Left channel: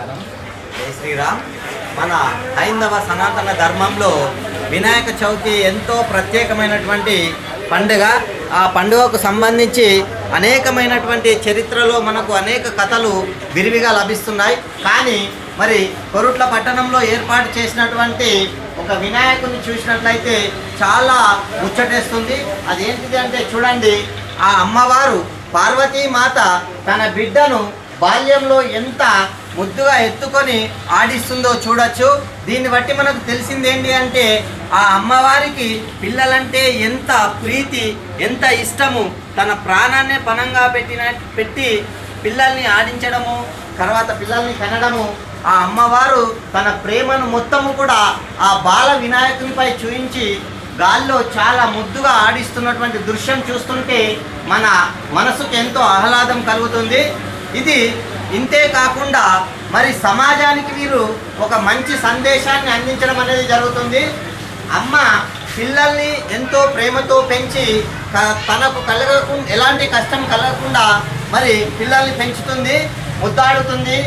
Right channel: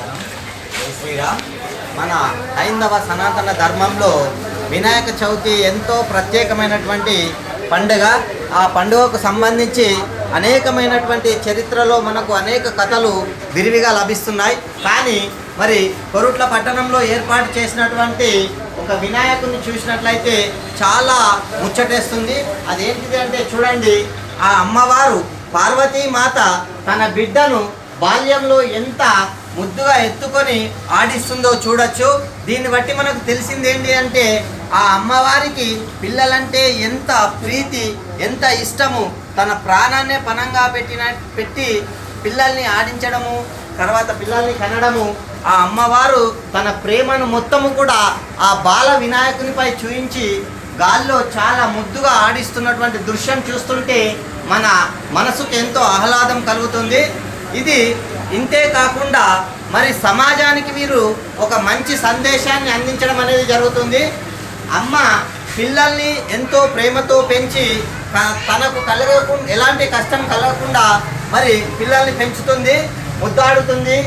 నమస్కారం. జై శ్రీరామ్. మన హైందవ సనాతన ధర్మంలో వినాయక చవితి ఎంతో ప్రత్యేకమైనటువంటి పండుగ. ఆ పండుగకు సంబంధించి అనేకమైనటువంటి చరిత్రలో మనకు అనేక కథలు విరివిగా లభిస్తున్నాయి. కానీ మరి కొరుట్ల పట్టణంలో ఏర్పాటు చేసినటువంటి ఒక వినాయకుడిని చూసినట్లయితే చాలా ముచ్చటేస్తుంది. అదేంటిది అంటే చూడండి, ఆ అమ్మవారు పార్వతీమాత తన బిడ్డను బాల్యంలో ఎంత ముద్దుగా ఎత్తుకొని ఆడిస్తుందో చూడొచ్చు. దీన్ని బట్టి మనకు తెలిసిందేంటి అంటే ఆ అమ్మవారికి పిల్లలంటే ఎంత ప్రీతి, ఎంత ఇష్టము. తన ప్రాణాన్నే పణంగా పెట్టి పిల్లల్ని ఆడించడము, తర్వాత పిల్లల్ని కనడము. ఆ అమ్మవారు తన ప్రేమను మొత్తము కూడా ఆ బాల వినాయకునిపై చూయించి గాల్లో చాలా ముద్దుగా ఆడిస్తున్నటువంటి దృశ్యం చూస్తుంటే మన మనసుకు ఎంతో ఆహ్లాదం కలుగుతుంది. ఇది ఇంతే కాకుండా మరి సమాజానికి వీరు ఒక మంచి సందేశాన్ని అందించడం అనేది జరుగుతుంది. అమ్మ పిల్లల్ని ఎంతో ప్రేమతో పెంచి తనకు ఎలాంటి కష్టం కలగకుండా మరి పిల్లల్ని పెంచుతుంది, ముద్దాడుతుంది,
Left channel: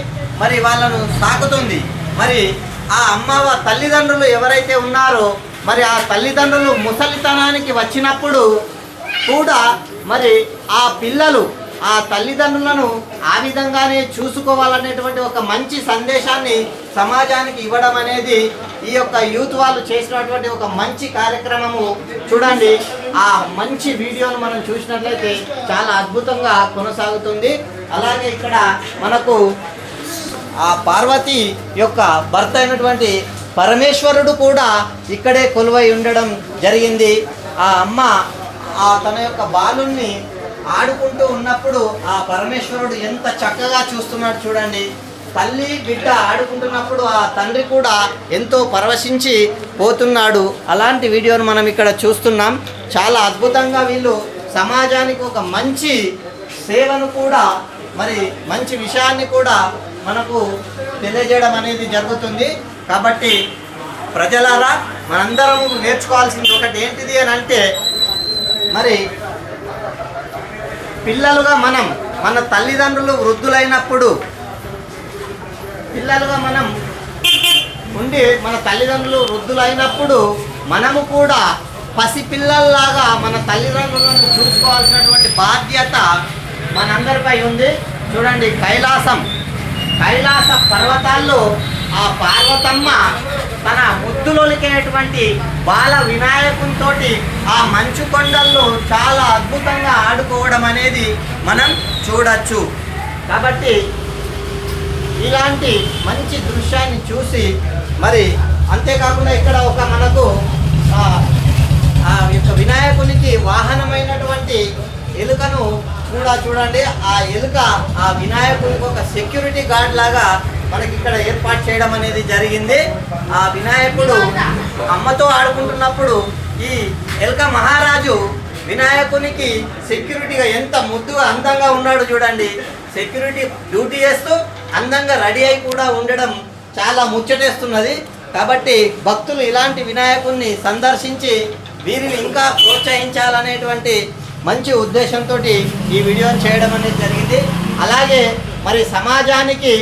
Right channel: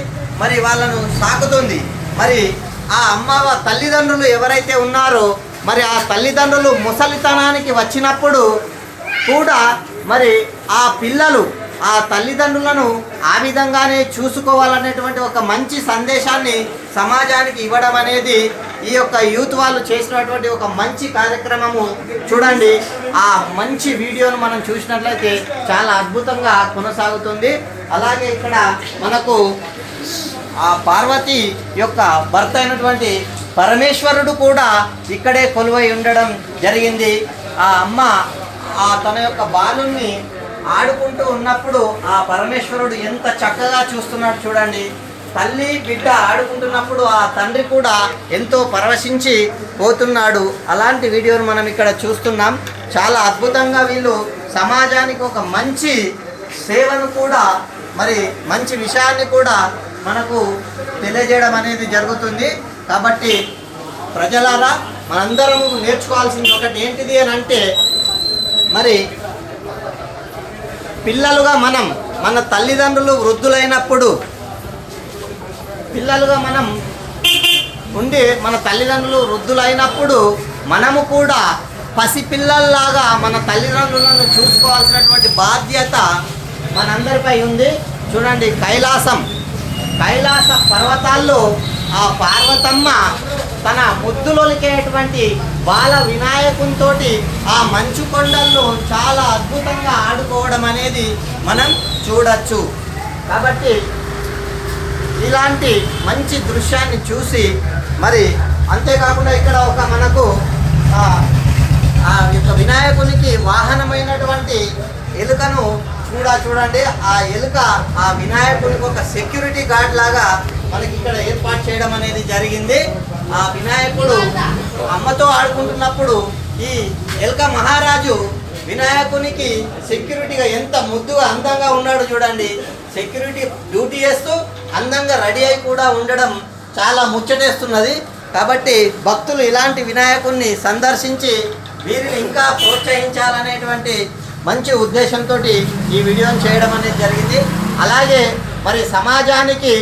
మరి వాళ్ళను సాకుతుంది. మరి ఆ అమ్మ తల్లిదండ్రులు ఎవరైతే ఉన్నారో మరి ఆ తల్లిదండ్రులు ముసలితనానికి వచ్చినప్పుడు కూడా మరి ఆ పిల్లలు ఆ తల్లిదండ్రులను ఆ విధంగానే చూసుకోవాలనేటువంటి ఒక మంచి సందేశాన్ని సమాజానికి ఇవ్వడం అనేది ఈ యొక్క యూత్ వాళ్ళు చేసినటువంటి ఒక మంచి కార్యక్రమము. చూడండి, ఆ మంచి వీడియోను మనం చూసినట్లయితే చాలా అద్భుతంగా కొనసాగుతుంది. అలాగే ఇక్కడ మనకు ఆ పార్వతి యొక్క భర్త అయినటువంటి పరమేశ్వరుడు కూడా ఇక్కడే కొలువై ఉండడం జరిగింది. ఆ అమ్మ తన యొక్క బాలుని ఆడుకుంటూ ఉన్నప్పుడు ఆ పరమేశ్వరుడు ఎంత చక్కగా చూస్తున్నాడు చూడండి. తల్లి బిడ్డ ఆడుకుంటున్నప్పుడు ఆ తండ్రి కూడా ఎంతో పరవశించి పోతున్నాడు. అలాంటి వీడియోను మనం ఇక్కడ చూస్తున్నాం. చాలా అద్భుతంగా వీళ్ళు సమాజానికి ఒక మంచి సేవను కూడా మరి మంచి విషయాన్ని కూడా మనకు తెలియజేయడం అనేది జరుగుతుంది. కాబట్టి ప్రజలారా మనందరం నేర్చుకోవాల్సింది ఒకటి ఏంటిది అని అంటే, మరి పిల్లలుగా మన తల్లిదండ్రులు వృద్ధులైనప్పుడు మన తల్లిదండ్రులు వృద్ధులైనప్పుడు మనము కూడా పసిపిల్లల్లాగా మన తల్లిదండ్రులను చూసుకోవాల్సినటువంటి బాధ్యత మనందరిపై ఉంది. చూడండి, కైలాస పర్వతాల్లో ఆ పార్వతమ్మ తన ముద్దులొలికేటువంటి బాల వినాయకునితో ఆ మంచు కొండల్లో చాలా అద్భుతంగా ఆడుకోవడం అనేది మనం చూడొచ్చు. కాబట్టి ఇలాంటి మంచి దృశ్యాన్ని చూసి మరి అంతేకాకుండా ఇక్కడ ఒక మనకు ఆ యొక్క వినాయకునికి వాహనమైనటువంటి ఎలుకను చూడండి. ఆ ఎలుక ఆ వినాయకునికి ఒక సెక్యూరిటీ గార్డ్ లాగా మనకి ఇక్కడ ఏర్పాటు చేయడం అనేది జరిగింది. ఆ వినాయకుడు అమ్మతో ఆడుకుంటున్నప్పుడు ఈ ఎలుక మహారాజు వినాయకునికి సెక్యూరిటీగా ఎంత ముద్దుగా అందంగా ఉన్నాడు చూడండి. సెక్యూరిటీ డ్యూటీ చేస్తూ అందంగా రెడీ అయి కూడా ఉండడం చాలా ముచ్చటేస్తున్నది. కాబట్టి భక్తులు ఇలాంటి వినాయకుడిని సందర్శించి వీరిని ఇంకా ప్రోత్సహించాలనేటువంటి మంచి ఉద్దేశంతో ఈ వీడియోని చేయడం అనేది జరిగింది. అలాగే మరి సమాజానికి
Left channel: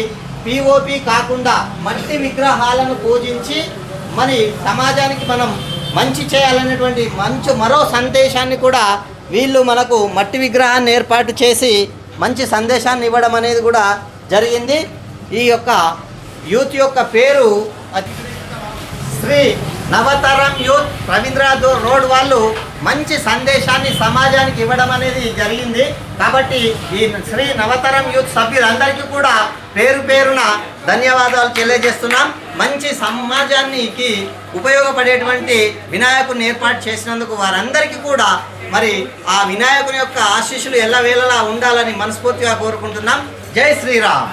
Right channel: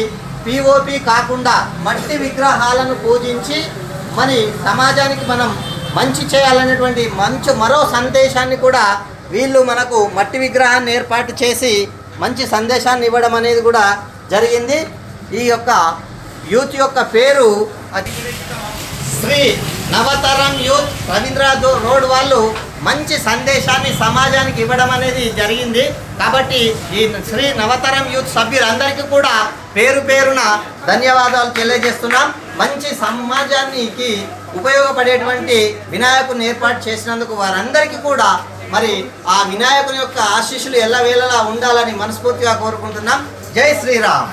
పిఓపి కాకుండా మట్టి విగ్రహాలను పూజించి మరి సమాజానికి మనం మంచి చేయాలనేటువంటి మరో సందేశాన్ని కూడా వీళ్ళు మనకు మట్టి విగ్రహాన్ని ఏర్పాటు చేసి మంచి సందేశాన్ని ఇవ్వడం అనేది కూడా జరిగింది. ఈ యొక్క యూత్ యొక్క పేరు శ్రీ నవతరం యూత్ రవీంద్ర రోడ్ వాళ్ళు మంచి సందేశాన్ని సమాజానికి ఇవ్వడం అనేది జరిగింది. కాబట్టి ఈ శ్రీ నవతరం యూత్ సభ్యులందరికీ కూడా పేరున ధన్యవాదాలు తెలియజేస్తున్నాం. మంచి సమాజానికి ఉపయోగపడేటువంటి వినాయకుడిని ఏర్పాటు చేసినందుకు వారందరికీ కూడా మరి ఆ వినాయకుని యొక్క ఆశీస్సులు ఎల్లవేళలా ఉండాలని మనస్ఫూర్తిగా కోరుకుంటున్నాం. జై శ్రీరామ్.